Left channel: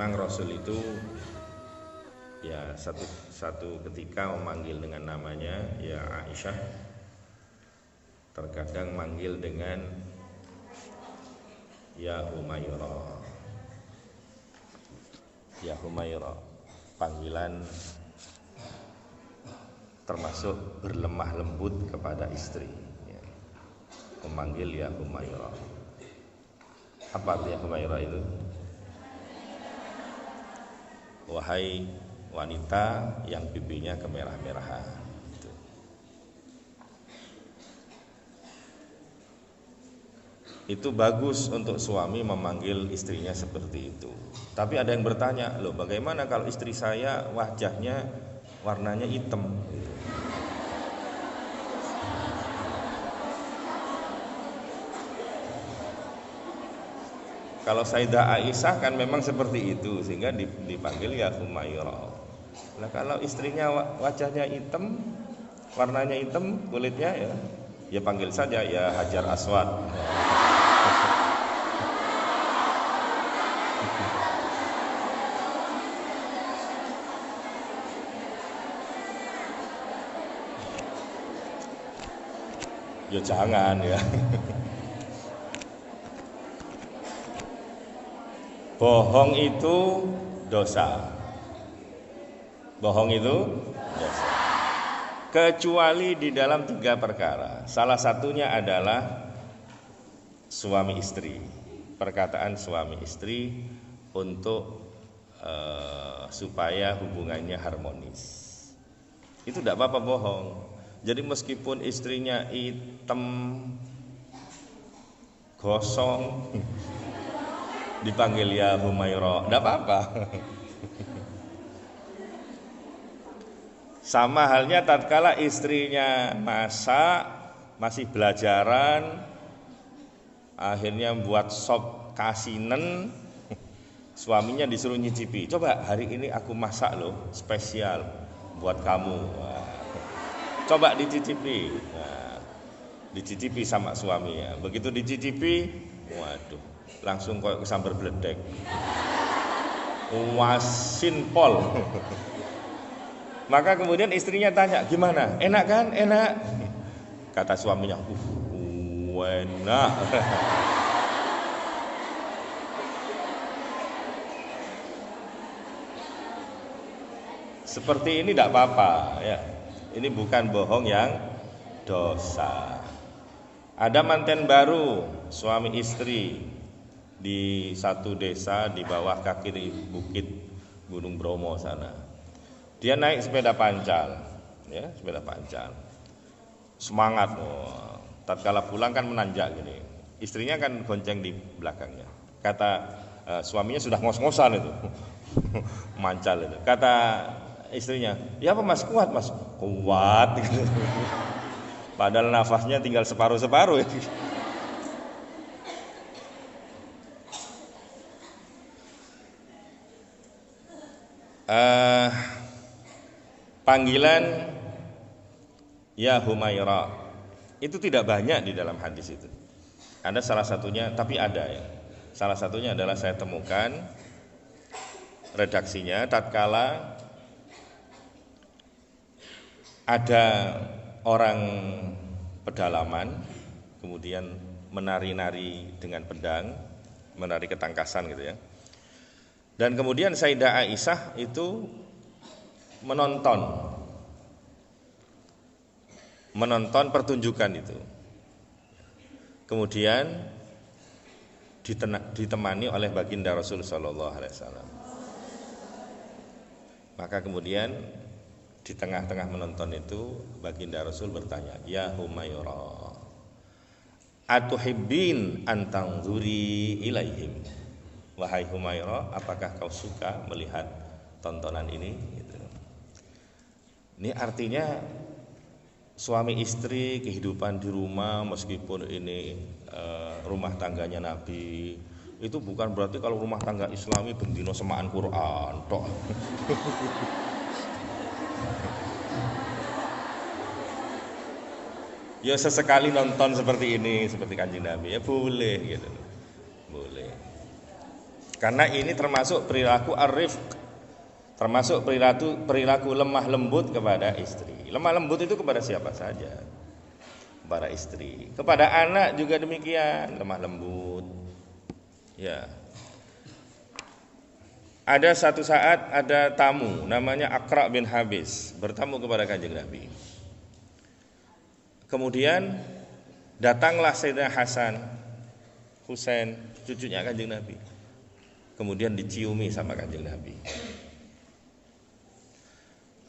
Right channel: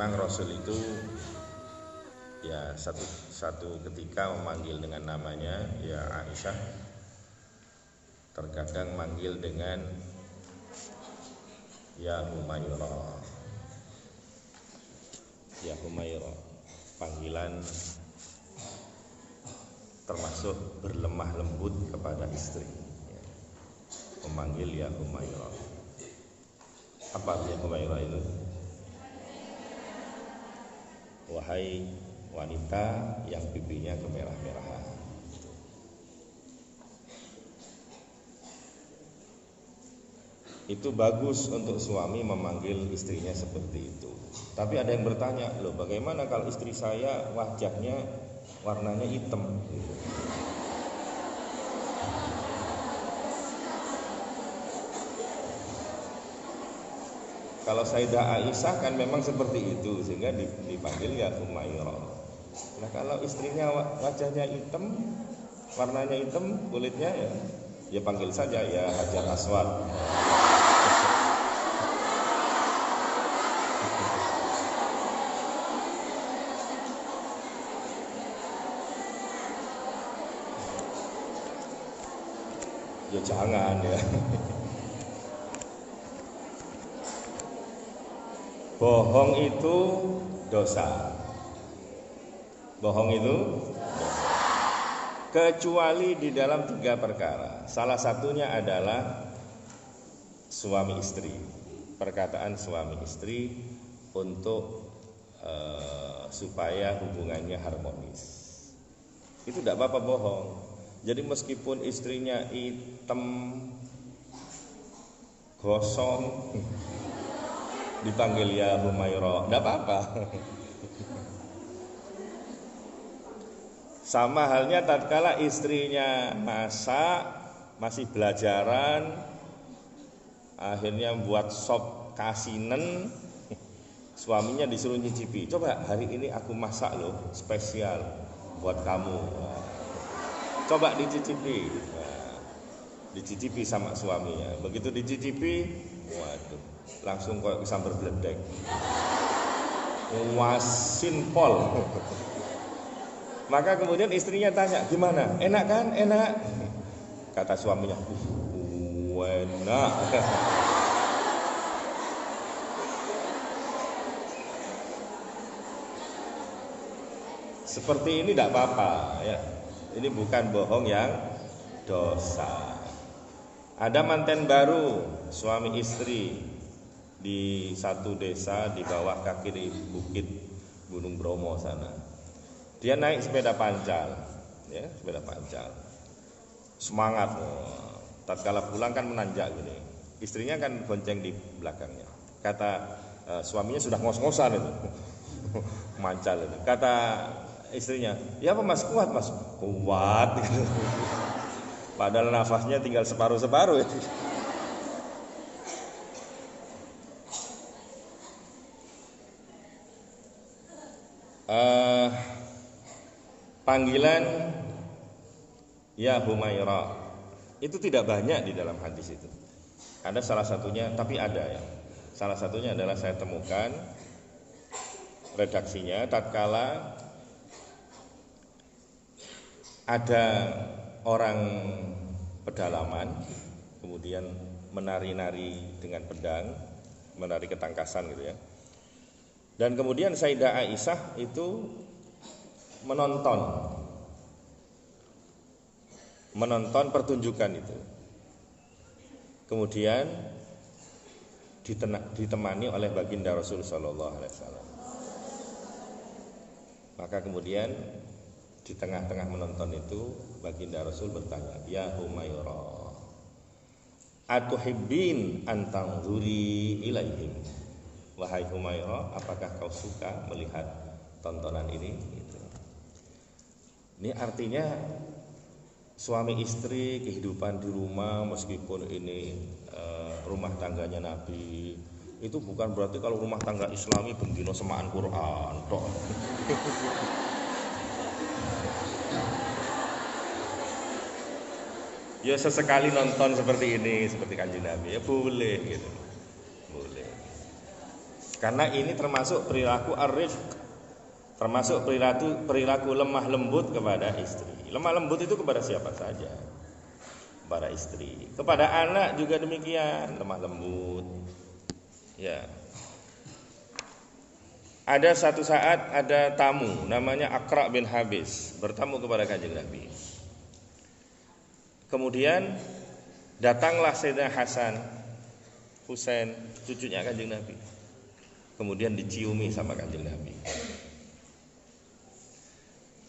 memang Rasul itu ya satu ketika memanggil dengan namanya ya Aisyah, terkadang manggil dengan ya Humairah. Ya Humairah, panggilan termasuk berlemah lembut kepada istri ya. Memanggil ya Humairah. Apa ya Humairah itu? Wahai wanita yang pipinya kemerah-merahan. Itu bagus untuk suami memanggil istrinya seperti itu. Tapi ada yang bertanya, loh bagaimana kalau istri saya wajahnya warnanya hitam? Kalau Sayyidah Aisyah kan memang seperti itu, sehingga dipanggil ya Humairah. Nah kalau istrinya wajahnya hitam, warnanya hitam, kulitnya ya panggil saja ya Hajar Aswad. Ya jangan ya. Bohong itu dosa. Bohong itu dosa. Kecuali di dalam 3 perkara. Salah satunya adalah suami istri. Perkataan suami istri untuk supaya hubungannya harmonis. Itu tidak apa-apa bohong. Jadi meskipun istrinya hitam, gosong, dipanggil ya Humairah, tidak apa-apa. Sama halnya tatkala istrinya masak, masih belajaran, akhirnya buat sop kasinen, suaminya disuruh nyicipi. Coba hari ini aku masak loh, spesial buat kamu. Coba dicicipi. Dicicipi sama suaminya. Begitu dicicipi, waduh, langsung kayak sambar beledek. Wasin pol. Maka kemudian istrinya tanya, gimana? Enak kan? Enak. Kata suaminya, enak. Seperti ini tidak apa-apa ya. Ini bukan bohong yang dosa. Ada manten baru, suami istri di satu desa di bawah kaki di bukit Gunung Bromo sana. Dia naik sepeda pancal, ya sepeda pancal. Semangat, tatkala pulang kan menanjak gini. Istrinya kan gonceng di belakangnya. Kata suaminya sudah ngos-ngosan itu, mancal itu. Kata istrinya, ya apa mas, kuat mas? Kuat gitu. Padahal nafasnya tinggal separuh-separuh. Panggilan ya Humairah itu tidak banyak di dalam hadis itu. Ada salah satunya, tapi ada ya. Salah satunya adalah saya temukan redaksinya tatkala ada orang pedalaman kemudian menari-nari dengan pedang, menari ketangkasan gitu ya. Dan kemudian Sayyidah Aisyah itu menonton pertunjukan itu. Kemudian ditemani oleh baginda Rasul sallallahu alaihi wasallam. Maka kemudian di tengah-tengah menonton itu baginda Rasul bertanya, "Ya Humairah, atuhibbin an tanzuri ilaihim?" Wahai Humairah, apakah kau suka melihat tontonan ini? Gitu. Ini artinya suami istri kehidupan di rumah, meskipun ini rumah tangganya Nabi, itu bukan berarti kalau rumah tangga Islami bendino semaan Quran toh. Ya sesekali nonton seperti ini, seperti Kanjeng Nabi, ya boleh gitu. Boleh. Karena ini termasuk perilaku ar-rifq, termasuk perilaku lemah lembut kepada istri. Lemah lembut itu kepada siapa saja, kepada istri, kepada anak juga demikian, lemah lembut. Ya. Ada satu saat ada tamu namanya Aqra bin Habis bertamu kepada Kanjeng Nabi. Kemudian datanglah Sayyidina Hasan, Husain, cucunya Kanjeng Nabi. Kemudian diciumi sama Kanjeng Nabi.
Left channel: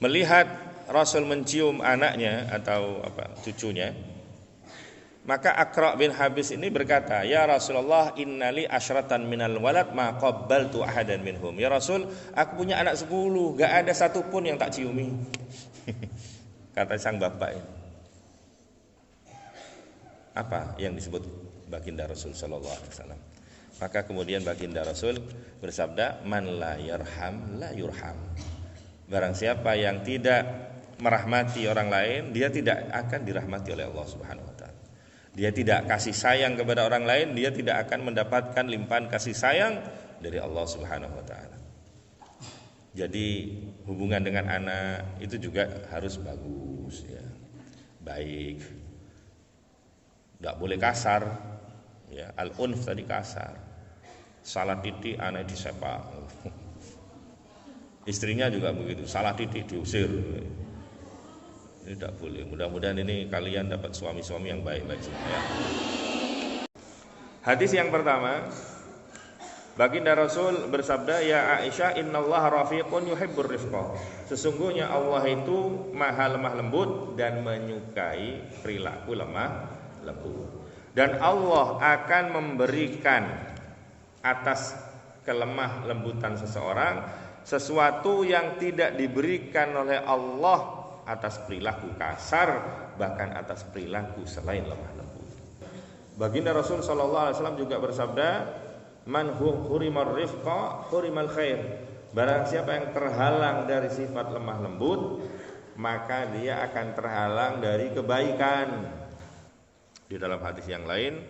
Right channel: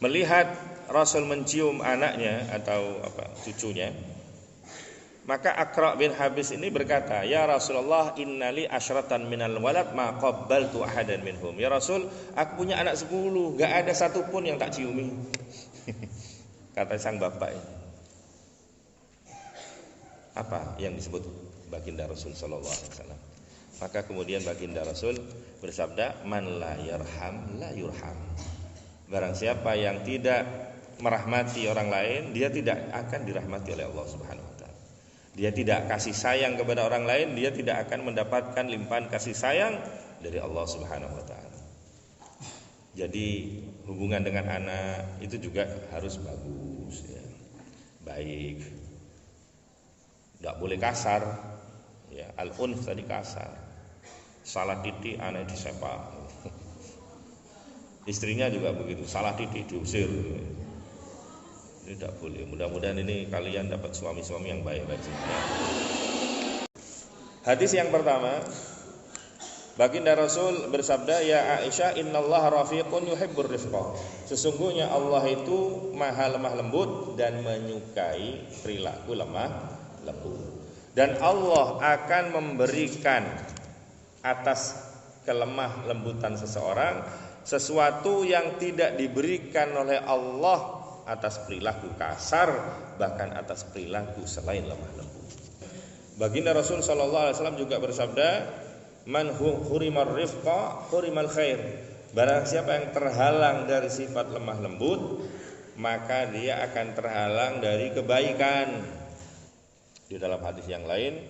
Melihat Rasul mencium anaknya atau cucunya, maka Aqra bin Habis ini berkata, "Ya Rasulullah, innali asyratan minal walad ma qabbaltu ahadan minhum." Ya Rasul, aku punya anak 10, gak ada satupun yang tak ciumi. Kata sang bapak ini. Apa yang disebut baginda Rasul sallallahu alaihi wasallam? Maka kemudian baginda Rasul bersabda, "Man la yarham la yurham." Barang siapa yang tidak merahmati orang lain, dia tidak akan dirahmati oleh Allah Subhanahu wa taala. Dia tidak kasih sayang kepada orang lain, dia tidak akan mendapatkan limpahan kasih sayang dari Allah Subhanahu wa taala. Jadi hubungan dengan anak itu juga harus bagus ya. Baik. Tidak boleh kasar. Ya, al-unf tadi kasar. Salah titik anak disepak. Istrinya juga begitu, salah titik diusir. Ini tidak boleh. Mudah-mudahan ini kalian dapat suami-suami yang baik-baik. Ya. Hadis yang pertama, baginda Rasul bersabda, "Ya Aisyah, innallaha rafiqun yuhibbur rifqa." Sesungguhnya Allah itu maha lemah lembut dan menyukai perilaku lemah lembut. Dan Allah akan memberikan atas kelemah lembutan seseorang sesuatu yang tidak diberikan oleh Allah atas perilaku kasar, bahkan atas perilaku selain lemah lembut. Baginda Rasul sallallahu alaihi wasallam juga bersabda, "Man hurimar rifqa hurimal khair." Barang siapa yang terhalang dari sifat lemah lembut, maka dia akan terhalang dari kebaikan. Di dalam hadis yang lain,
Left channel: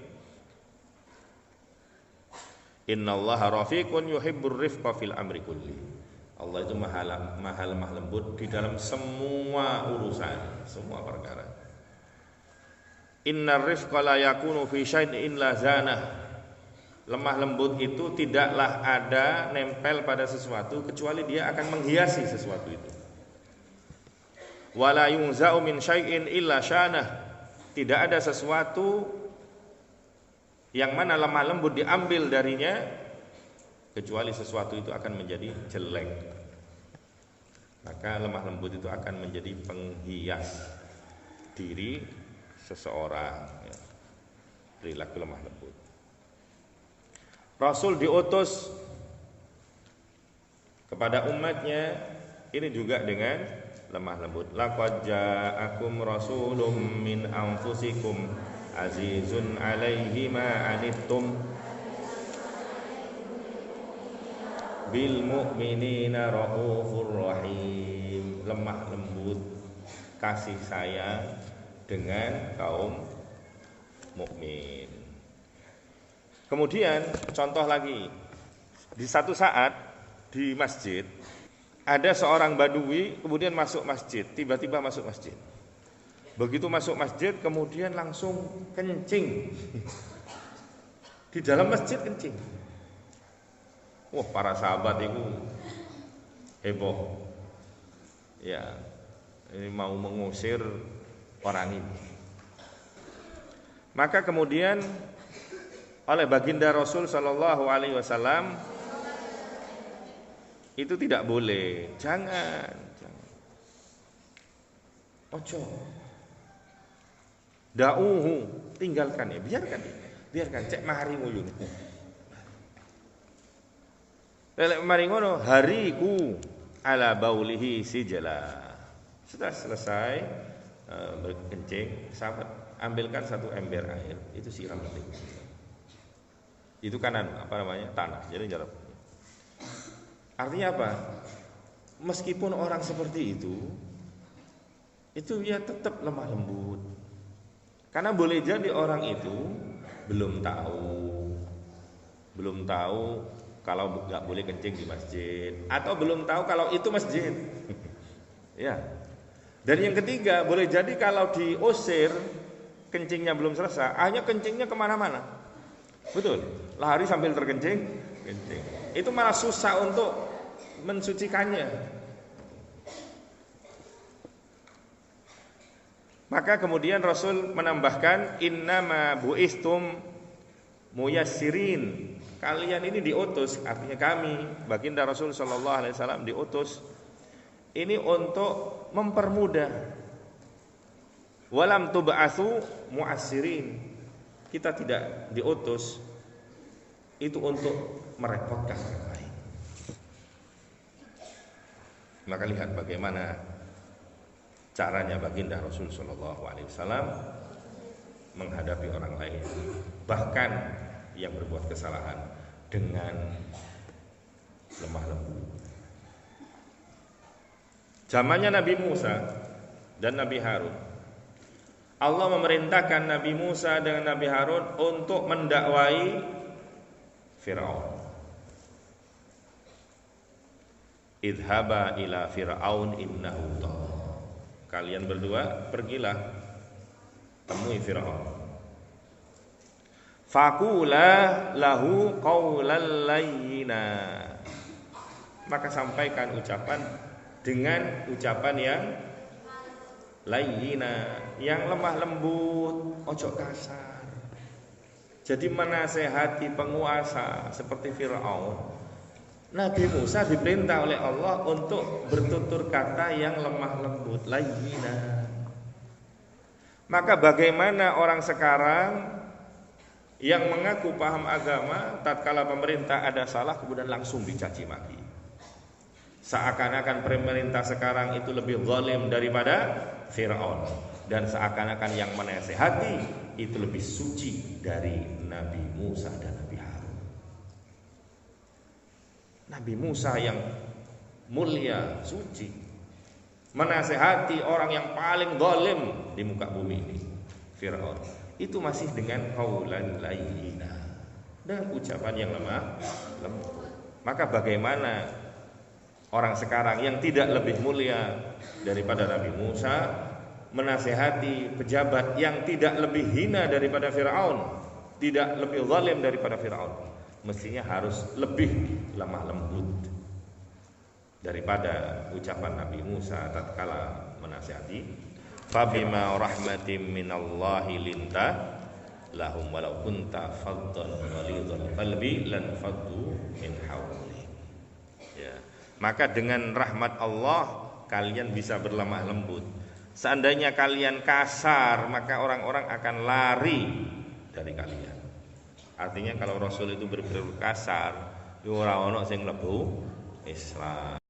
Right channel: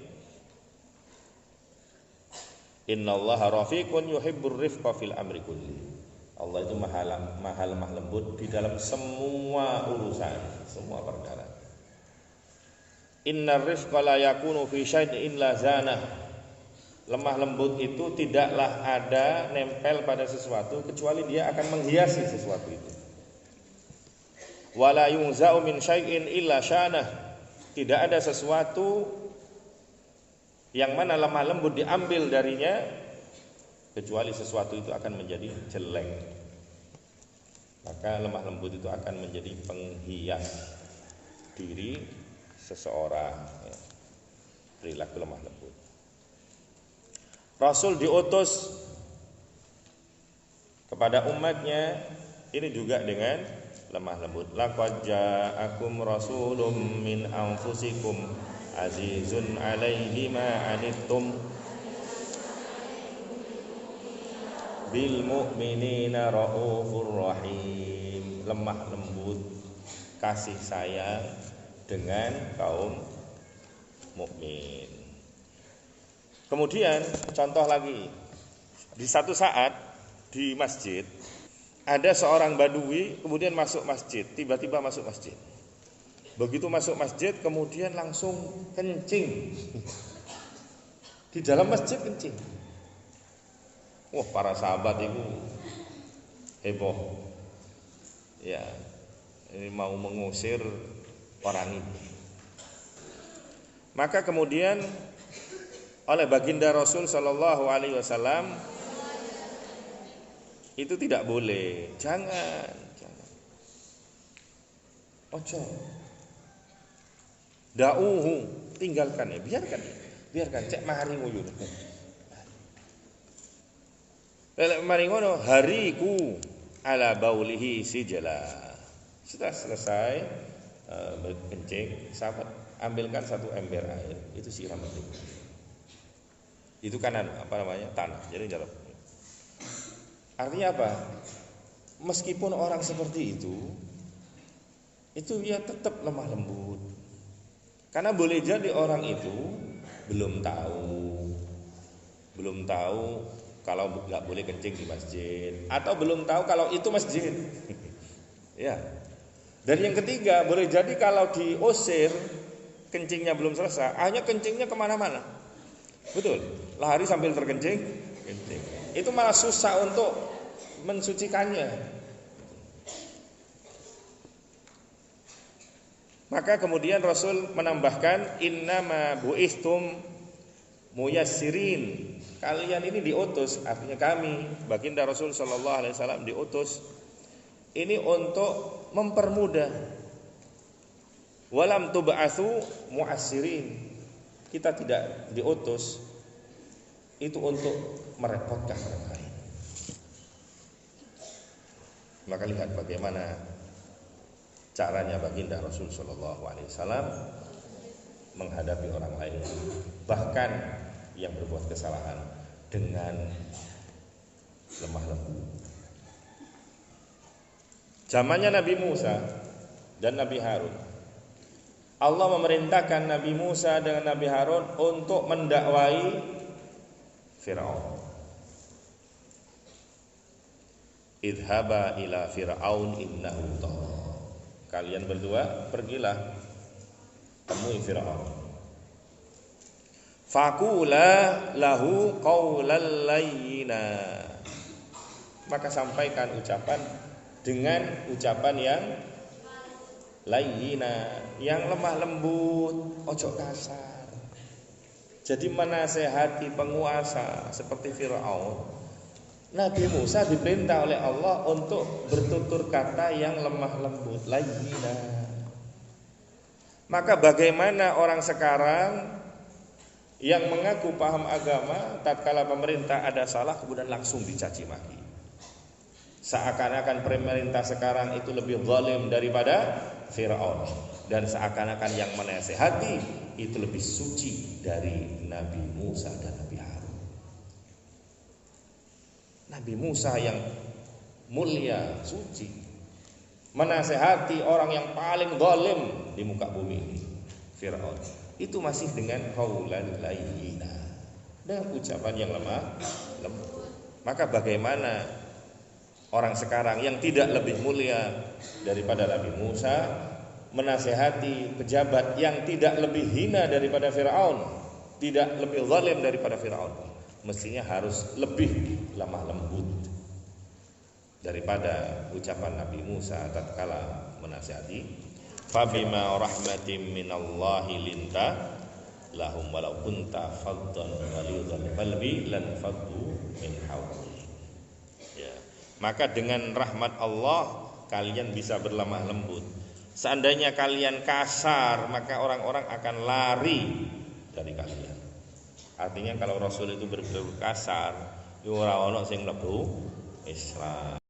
"Innallaha rafiqun yuhibbur rifqa fil amri kulli." Allah itu maha lemah lembut di dalam semua urusan, semua perkara. Innar rifqa la yakunu fi syai'in illa zanah. Lemah lembut itu tidaklah ada nempel pada sesuatu kecuali dia akan menghiasi sesuatu itu. Wala yunza'u min syai'in illa syanah. Tidak ada sesuatu yang mana lemah lembut diambil darinya kecuali sesuatu itu akan menjadi jelek. Maka lemah lembut itu akan menjadi penghias diri seseorang ya. Perilaku lemah lembut. Rasul diutus kepada umatnya ini juga dengan lemah lembut. Laqad ja'akum rasulun min anfusikum azizun 'alaihi ma 'anittum bil mu'minina raufur rahim. Lemah lembut, kasih sayang dengan kaum mukmin. Kemudian contoh lagi, di satu saat di masjid ada seorang badui kemudian masuk masjid, tiba-tiba masuk masjid. Begitu masuk masjid kemudian langsung kencing. Di dalam masjid kencing. Wah, para sahabat itu heboh. Ya, ini mau mengusir orang ini. Maka kemudian oleh baginda Rasul sallallahu alaihi wasallam itu tidak boleh. Jangan. Ojo. Da'uhu, tinggalkan ya, biarkan cek mahari nguyun. Lelek mari ngono hariku ala baulihi sijala. Sudah selesai berkencing, sahabat ambilkan satu ember air, itu siram lagi. Itu kanan tanah, jadi jarak. Artinya apa? Meskipun orang seperti itu ya tetap lemah lembut. Karena boleh jadi orang itu belum tahu kalau nggak boleh kencing di masjid, atau belum tahu kalau itu masjid. Ya. Dan yang ketiga, boleh jadi kalau diusir kencingnya belum selesai, hanya kencingnya kemana-mana. Betul, lari sambil terkencing, kencing. Itu malah susah untuk mensucikannya. Maka kemudian Rasul menambahkan, innama bu'istum muyassirin. Kalian ini diutus, artinya kami, baginda Rasul sallallahu alaihi wasallam diutus ini untuk mempermudah. Walam tub'atsu mu'assirin. Kita tidak diutus itu untuk merepotkan orang lain. Maka lihat bagaimana caranya baginda Rasul sallallahu alaihi wasallam menghadapi orang lain, bahkan yang berbuat kesalahan, dengan lemah lembut. Zamannya Nabi Musa dan Nabi Harun, Allah memerintahkan Nabi Musa dan Nabi Harun untuk mendakwai Fir'aun. Idhaba ila Fir'aun innahu tagha. Kalian berdua pergilah temui Fir'aun. Faqula lahu qawlan layyina. Maka sampaikan ucapan dengan ucapan yang layyina, yang lemah lembut, ojo kasar. Jadi menasehati penguasa seperti Fir'aun, Nabi Musa diperintah oleh Allah untuk bertutur kata yang lemah lembut, layyina. Maka bagaimana orang sekarang yang mengaku paham agama, tatkala pemerintah ada salah kemudian langsung dicaci maki. Seakan-akan pemerintah sekarang itu lebih zalim daripada Fir'aun, dan seakan-akan yang menasehati itu lebih suci dari Nabi Musa dan Nabi Harun. Nabi Musa yang mulia, suci, menasehati orang yang paling zalim di muka bumi ini, Fir'aun, itu masih dengan qaulan layyina, dan ucapan yang lemah lembut. Maka bagaimana orang sekarang yang tidak lebih mulia daripada Nabi Musa menasehati pejabat yang tidak lebih hina daripada Fir'aun, tidak lebih zalim daripada Fir'aun, mestinya harus lebih lemah lembut daripada ucapan Nabi Musa tatkala menasihati. Fabima rahmatin minallahi linta lahum walau kunta faddan ghalidhal qalbi lan faddu min hawli. Ya. Maka dengan rahmat Allah kalian bisa berlemah lembut. Seandainya kalian kasar, maka orang-orang akan lari dari kalian. Artinya kalau Rasul itu berperilaku kasar, ora ono sing mlebu Islam.